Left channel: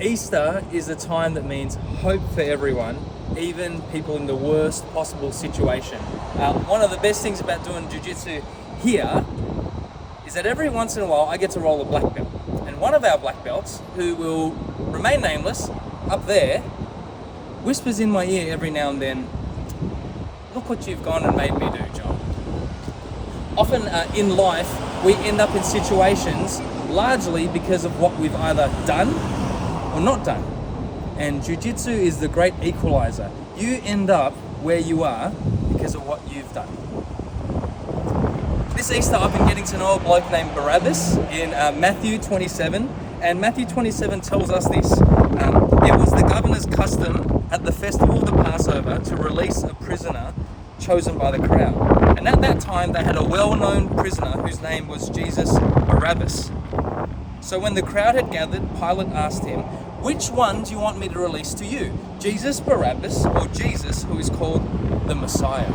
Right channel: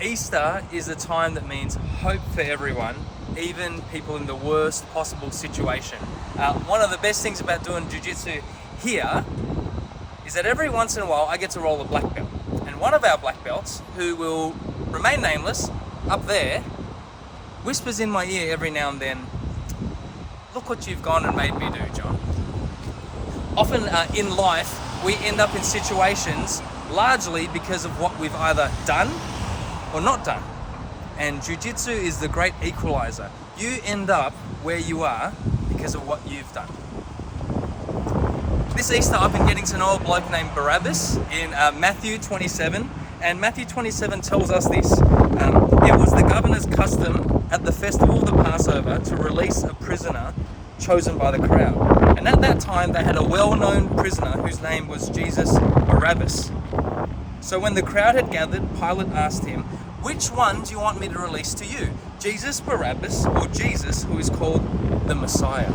Easter is a time that means hope for everyone, even people in the worst possible situation. One of the best things about doing jiu-jitsu here is that every once in a while I get to roll a black belt. And one of our black belts, who will remain nameless, up there, whispers in my ear every now and then, "Look what you've gone and made me do, John." Often in life, we end up in situations largely because of what we've either done or not done. And jiu-jitsu is the great equalizer. You end up where you are because of what you've done. This Easter, I've been getting to know a bloke named Barabbas in Matthew 27. And Matthew 27 tells us this. It was the governor's custom at the festival of the Passover to release a prisoner chosen by the crowd. And at that time, they had a well-known prisoner whose name was Jesus Barabbas. So when the crowd had gathered, Pilate asked him, "Which one do you want me to release to you? Jesus Barabbas or Jesus, who is called the Messiah?"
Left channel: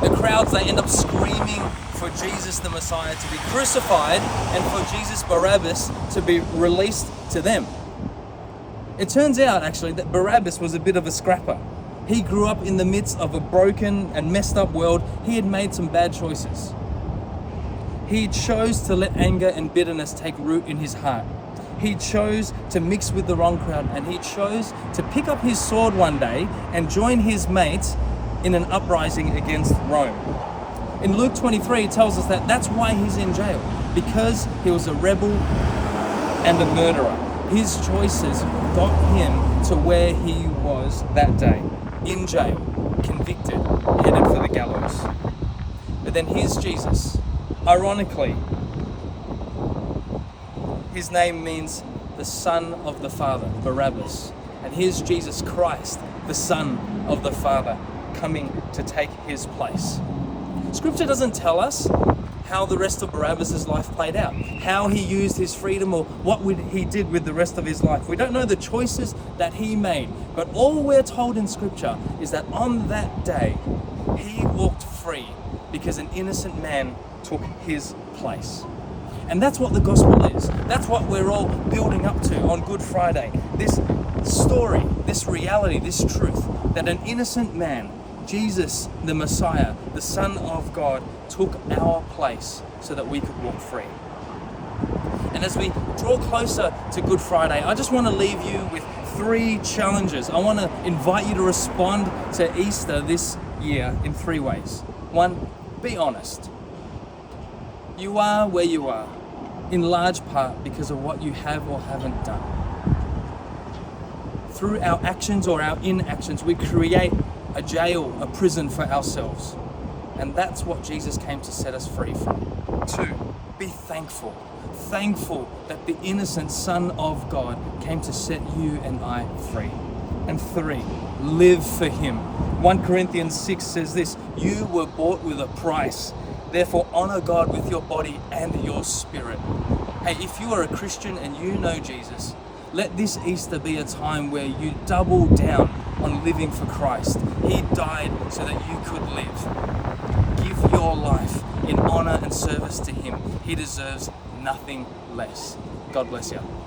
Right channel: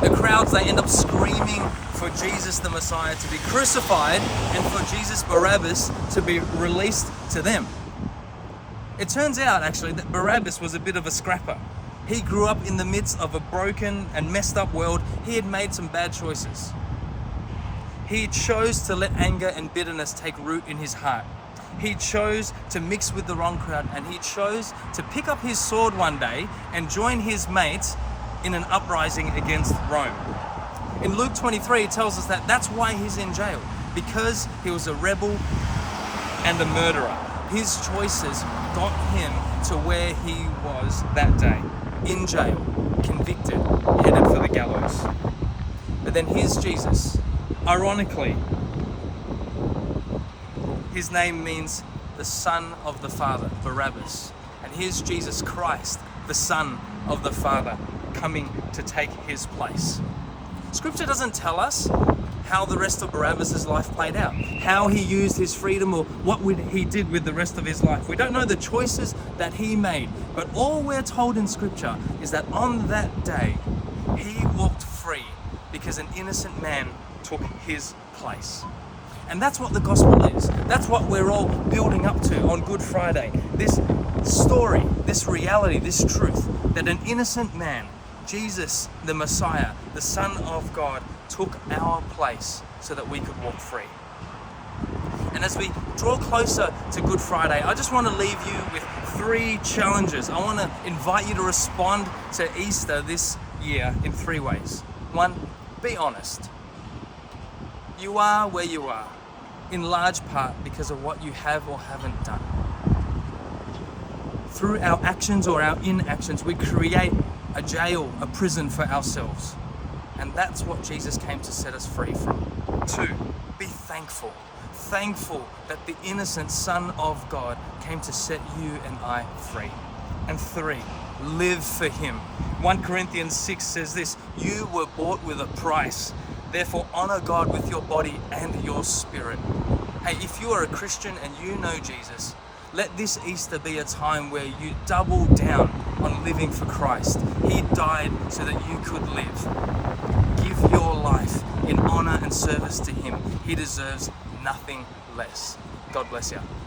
The crowds, they end up screaming for Jesus the Messiah to be crucified and for Jesus Barabbas to be released to them. It turns out actually that Barabbas was a bit of a scrapper. He grew up in the midst of a broken and messed up world. He had made some bad choices. He chose to let anger and bitterness take root in his heart. He chose to mix with the wrong crowd, and he chose to pick up his sword one day and join his mates in an uprising against Rome. In Luke 23, it tells us that that's why he's in jail, because he was a rebel and a murderer. His choices got him to where he was that day, in jail, convicted, headed for the gallows. But then here's Jesus. Ironically, his name means the Son of the Father, Barabbas. And here's Jesus Christ, the Son of the Father, coming to take his place. Scripture doesn't tell us how the rest of Barabbas' life played out, how he used his freedom or what he did with the rest of his life. We don't know the choices that he made, but all we're told in Scripture is that on that day, he walked free because an innocent man took his place. And that's what the gospel is. That's what we're all building up to on Good Friday. This story, this reality, this truth, that an innocent man, Jesus, the Messiah, the Son of God, took our place so that we could walk free. And as we draw closer to Good Friday, I just want to leave you with 3 challenges. I want to invite you to respond to Easter this year in 3 ways. 1, be honest. You are where you are, in large part because of what you have or haven't done. Through our actions or our inactions, we create a jail, a prison for ourselves. And that's what Jesus came to set us free from. 2, be thankful. Thankful that the innocent Son of God came to set you and I free. And 3, live for him. 1 Corinthians 6 says this, "You were bought with a price. Therefore honor God with your body and your spirit." Hey, if you are a Christian and you know Jesus, let this Easter be a time where you double down on living for Christ. He died so that you could live. Give your life in honor and service to him. He deserves nothing less. God bless you.